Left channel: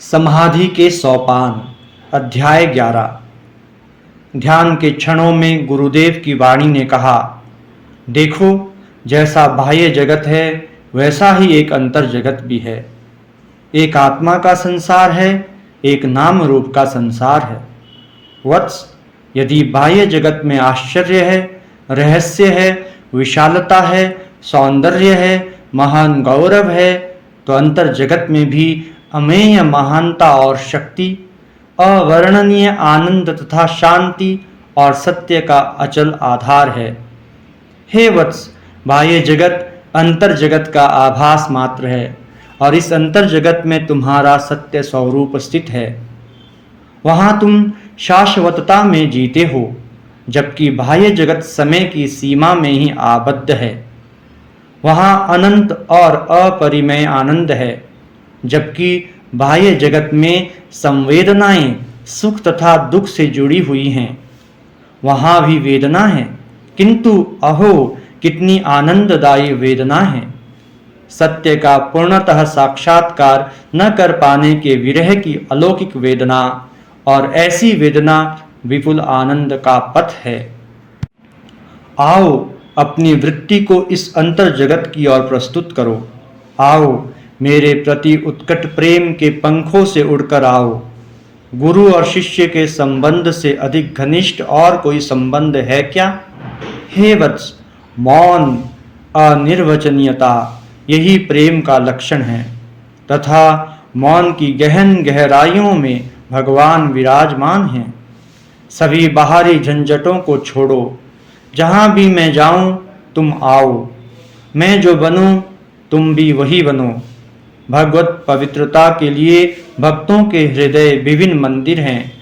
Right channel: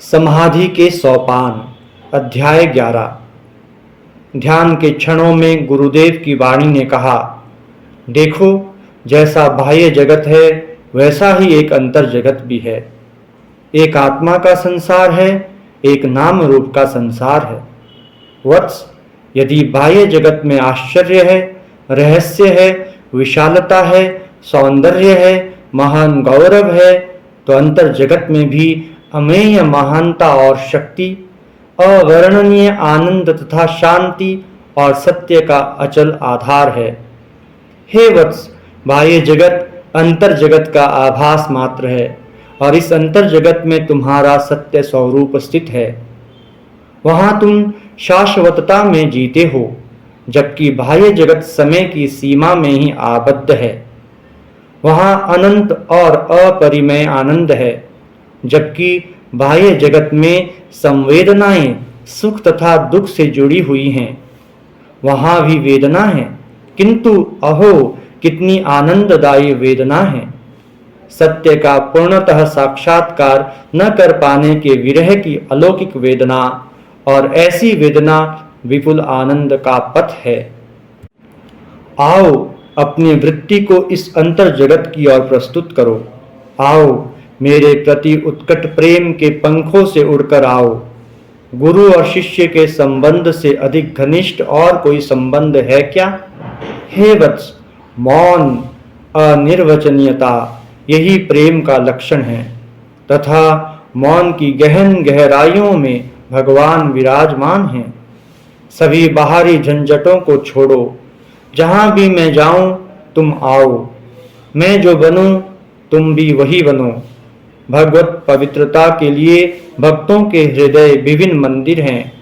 समाधि के सोपान अध्याय 11। ध्यान के क्षणों में गुरुदेव की वाणी ने कहा, देखो, जैसा बाह्य जगत है वैसा ही एक अंतर जगत भी है। एक आत्मा का संसार है, एक नाम रूप का संसार है। वत्स, यदि बाह्य जगत में आश्चर्य है, रहस्य है, विशालता है, सौंदर्य है, महान गौरव है, तो अंतर जगत में भी अमेय महानता और शक्ति, अवर्णनीय आनंद तथा शांति और सत्य का अचल आधार है। हे वत्स, बाह्य जगत अंतर जगत का आभास मात्र है और इस अंतर जगत में तुम्हारा सत्य स्वरूप स्थित है। वहां तुम शाश्वतता में जीते हो, जबकि बाह्य जगत समय की सीमा में ही आबद्ध है। वहां अनंत और अपरिमेय आनंद है, जबकि बाह्य जगत में संवेदनाएं सुख तथा दुख से जुड़ी हुई हैं। वहां भी वेदना है, किंतु अहो कितनी आनंददायी वेदना है। सत्य का पूर्णतः साक्षात्कार न कर पाने के विरह की अलौकिक वेदना, और ऐसी वेदना विपुल आनंद का पथ है। आओ, अपनी वृत्ति को इस अंतर जगत की ओर प्रस्तुत करो। आओ, मेरे प्रति उत्कट प्रेम के पंखों से उड़कर आओ। गुरु और शिष्य के संबंध से अधिक घनिष्ठ और कोई संबंध है क्या? हे वत्स, मौन, अनिर्वचनीयता यही प्रेम का लक्षण है, तथा मौन की गहन गहराइयों में भगवान विराजमान हैं। सभी बाहरी झंझटों को छोड़ो। जहां भी मैं जाऊं तुम आओ। मैं जो बनूं तुम भी वही बनो। भगवत पवित्रता के लिए भक्तों के हृदय विभिन्न मंदिर हैं,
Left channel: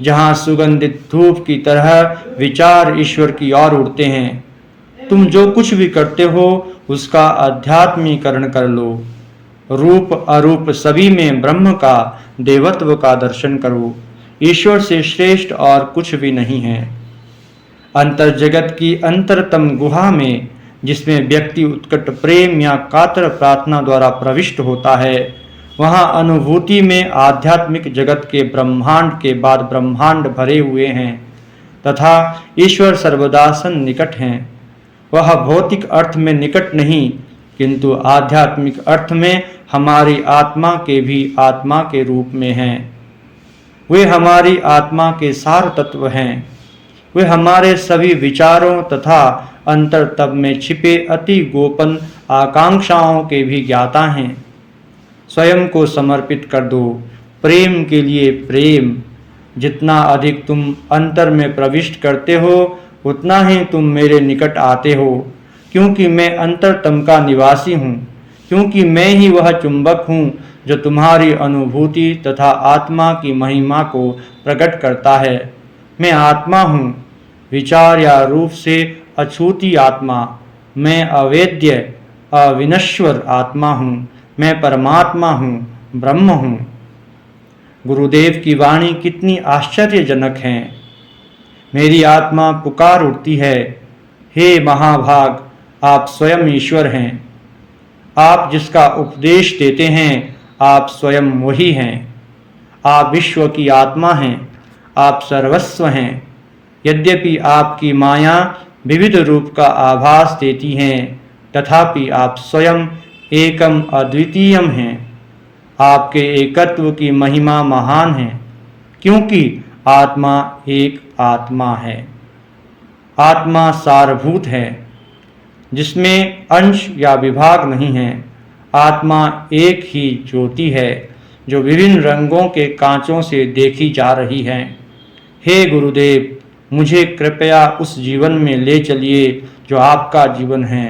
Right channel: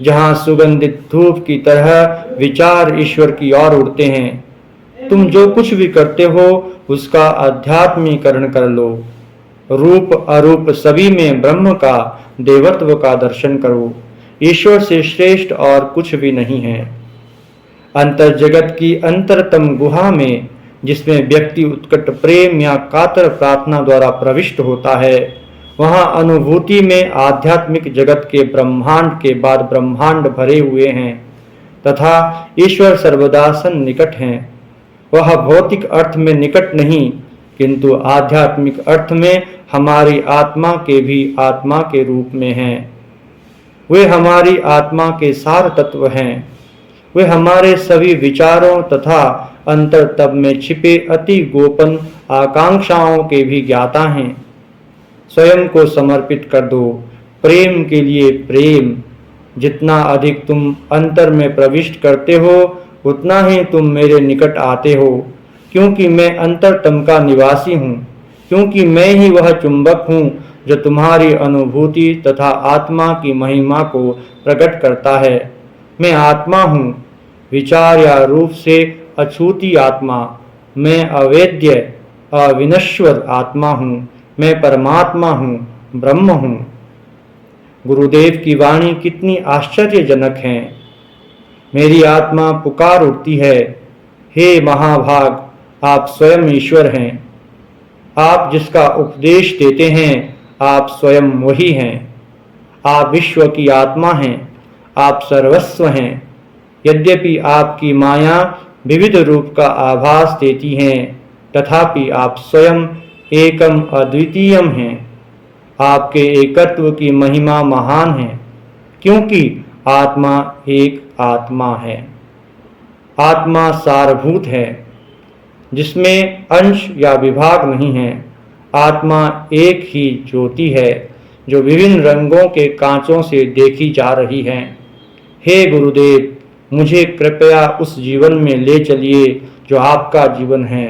जहां सुगंधित धूप की तरह विचार ईश्वर की ओर उड़ते हैं। तुम जो कुछ भी करते हो उसका आध्यात्मीकरण कर लो। रूप अरूप सभी में ब्रह्म का देवत्व का दर्शन करो। ईश्वर से श्रेष्ठ और कुछ भी नहीं है। अंतर जगत की अंतरतम गुहा में, जिसमें व्यक्ति उत्कट प्रेम या कातर प्रार्थना द्वारा प्रविष्ट होता है, वहां अनुभूति में आध्यात्मिक जगत के ब्रह्मांड के बाद ब्रह्मांड भरे हुए हैं, तथा ईश्वर सर्वदा सन्निकट हैं। वह भौतिक अर्थ में निकट नहीं, किंतु आध्यात्मिक अर्थ में हमारी आत्मा के भी आत्मा के रूप में हैं। वे हमारी आत्मा के सार तत्व हैं। वे हमारे सभी विचारों तथा अंतर तब में छिपे अति गोपन आकांक्षाओं के भी ज्ञाता हैं। स्वयं को समर्पित कर दो प्रेम के लिए। प्रेम, जितना अधिक तुम अंतर में प्रविष्ट करते हो उतना ही तुम मेरे निकट आते हो, क्योंकि मैं अंतरतम का निवासी हूँ, क्योंकि मैं ही वह चुंबक हूँ जो तुम्हारी अनुभूति तथा आत्मा की महिमा को प्रकट करता है। मैं आत्मा हूँ, विचार या रूप से अछूती आत्मा। मैं अवेद्य अविनश्वर आत्मा हूँ। मैं परमात्मा हूँ, ब्रह्म हूँ। गुरुदेव की वाणी कितनी आश्चर्यजनक है। मेरी आत्मा पुकार उठती है, हे महाभाग, आप स्वयं ईश्वर हैं। आप जिसका उपदेश देते हैं, आप स्वयं वही हैं। आप विश्व की आत्मा हैं, आप सर्वस्व हैं। यद्यपि आपकी माया विविध रूप का आभास देती है, तथापि आप स्वयं एकम अद्वितीयम हैं। आपके एकत्व की महिमा महान है, क्योंकि आत्मा एक आत्मा है। आत्मा सारभूत है, जिसमें अंश या विभाग नहीं है। आत्मा एक ही ज्योति है, जो विभिन्न रंगों के कांचों से देखी जा रही है। हे गुरुदेव, मुझे कृपया उस जीवन में ले चलिए जो आपका जीवन है।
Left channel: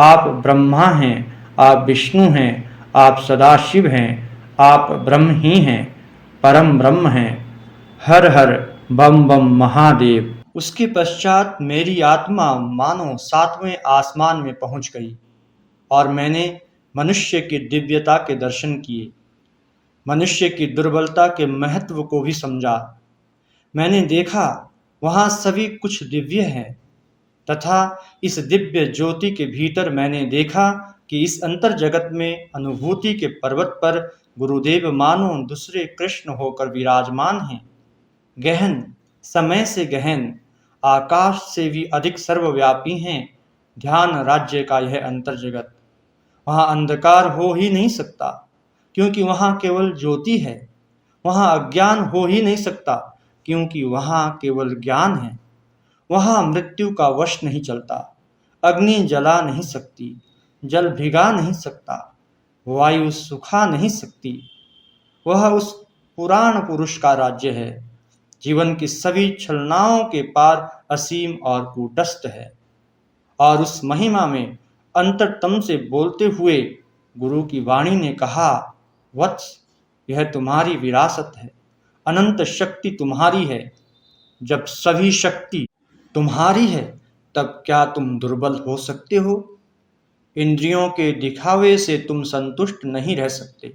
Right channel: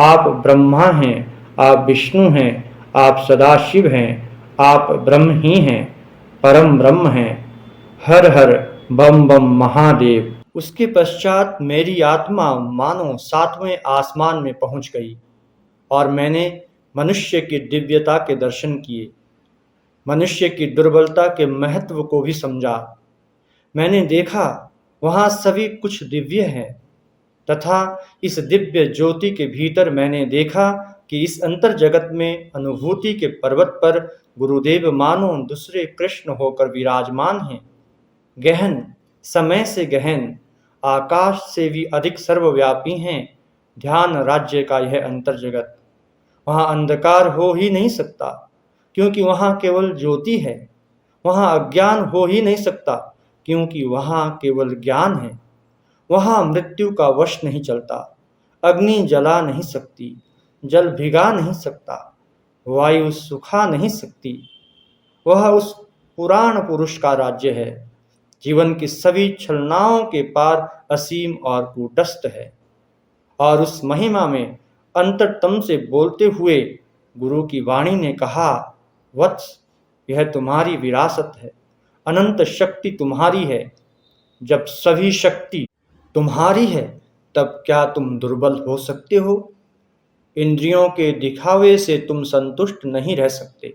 आप ब्रह्मा हैं, आप विष्णु हैं, आप सदाशिव हैं, आप ब्रह्म ही हैं, परम ब्रह्म हैं। हर हर बम बम महादेव। उसके पश्चात मेरी आत्मा मानो 7वें आसमान में पहुंच गई और मैंने मनुष्य की दिव्यता के दर्शन किए, मनुष्य की दुर्बलता के महत्व को भी समझा। मैंने देखा वहां सभी कुछ दिव्य है, तथा इस दिव्य ज्योति के भीतर मैंने देखा कि इस अंतर जगत में अनुभूति के पर्वत पर गुरुदेव मानो दूसरे कृष्ण होकर विराजमान हैं। गहन, समय से गहन, आकाश से भी अधिक सर्वव्यापी हैं ध्यान राज्य का यह अंतर जगत। वहाँ अंधकार हो ही नहीं सकता, क्योंकि वहाँ केवल ज्योति है। वहाँ अज्ञान हो ही नहीं सकता, क्योंकि वहाँ केवल ज्ञान है। वहाँ मृत्यु का वश नहीं चलता, अग्नि जला नहीं सकती, जल भिगा नहीं सकता, वायु सुखा नहीं सकती। वह उस पुराण पुरुष का राज्य है, जीवन की सभी छलनाओं के पार असीम और कूटस्थ है। और उस महिमा में अंतरतम से बोलते हुए गुरु की वाणी ने कहा, वत्स, यह तुम्हारी विरासत है, अनंत शक्ति तुम्हारी है। जब सभी शक्ति तुम्हारी है, तब क्या तुम दुर्बल हो सकते हो? इंद्रियों के दिखावे से तुम संतुष्ट नहीं रह सकते।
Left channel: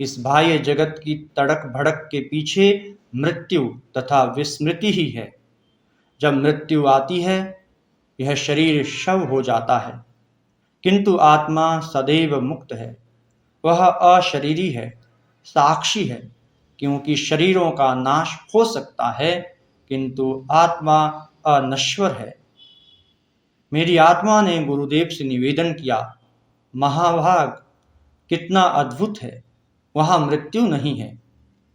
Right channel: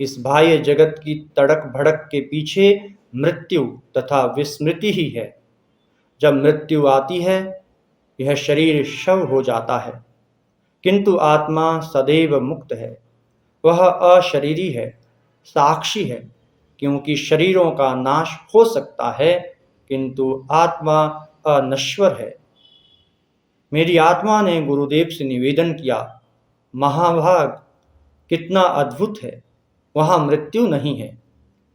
इस बाह्य जगत की तड़क भड़क के पीछे मृत्यु तथा विस्मृति ही है। जब मृत्यु आती है, यह शरीर शव हो जाता है, किंतु आत्मा सदैव मुक्त है। वह अशरीरी है, साक्षी है, क्योंकि शरीरों का नाश हो सकता है, किंतु आत्मा अनश्वर है। मेरी आत्मा ने गुरुदेव से निवेदन किया, महाभाग, कितना अद्भुत है, वहाँ मृत्यु नहीं है।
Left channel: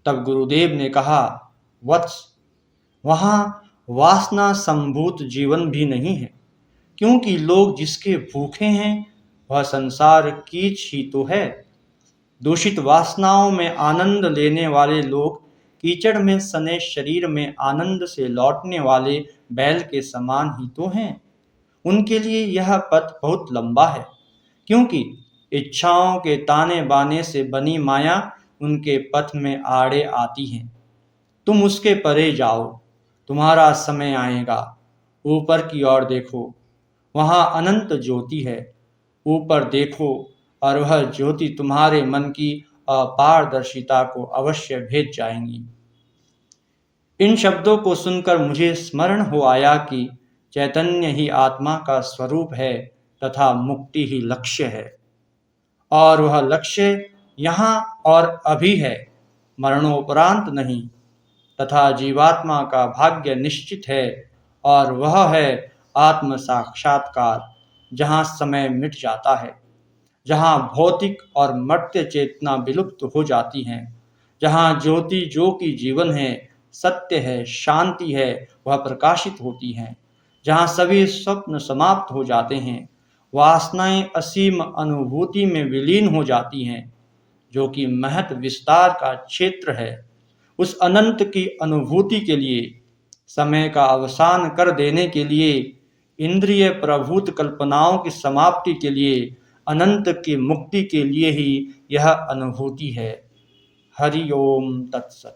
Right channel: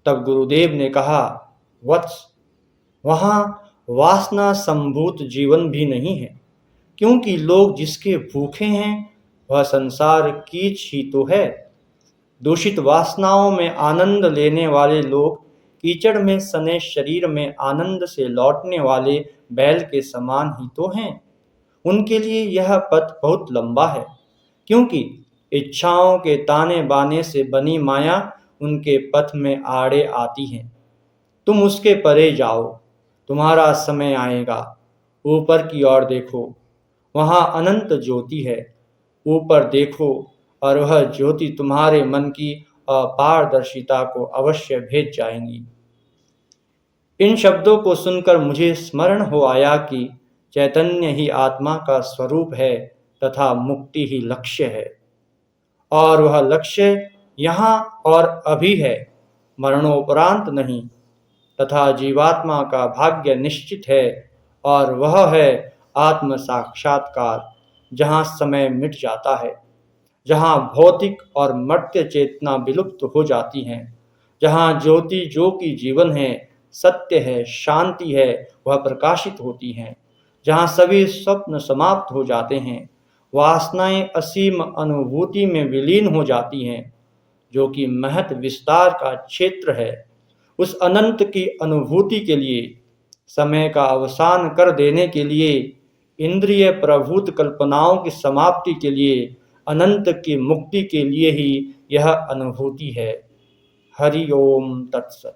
तब गुरुदेव ने कहा, वत्स, वहाँ वासना संभूत जीवन भी नहीं है, क्योंकि लोग जिसके भूखे हैं वह संसार कीच ही तो है। दूषित वासनाओं में आनंद लेने वाले लोग कीचड़ में सने शरीर में आनंद से लौटने वाले बैल के समान ही तो हैं। उनके लिए यह पथ बहुत लंबा है, क्योंकि इच्छाओं के ताने बाने से बनी माया उनके पथ में आड़े आती है। तुम उसके परे जाओ, तुम्हारा समय आएगा। ऊपर की ओर देखो, वहाँ अनंत ज्योति है। ऊपर देखो और वह ज्योति तुम्हारे मन की अपारदर्शिता को अवश्य भेद जाएंगी। इन शब्दों को सुनकर मुझे स्मरण हो आया कि चैतन्य ही आत्मा का स्वरूप है तथा मुक्ति ही लक्ष्य है, और वह लक्ष्य यहाँ और अभी है, मरणोपरांत नहीं। तथा जीवात्मा का भाग्य निश्चित है, और वह है आत्म साक्षात्कार, जहाँ समय मिट जाता है, जहाँ भौतिक और मर्त्य चेतना विलुप्त हो जाती हैं, जहाँ ज्योति जो कि जीवन है, सत्य है, शांति है, वह प्रकाशित होती हैं, जहाँ सभी स्वप्न समाप्त हो जाते हैं, वासनाएं असीम अनुभूति में विलीन हो जाती हैं, जो कि महत विस्तार का क्षेत्र है। उस अनंत की अनुभूति के लिए, समय का अवसान कर देने के लिए, इंद्रिय प्रभूत कल्पनाओं की समाप्ति के लिए, अनंत की मुक्ति के लिए ही यह अनुभूति है। हरि ओम तत्सत।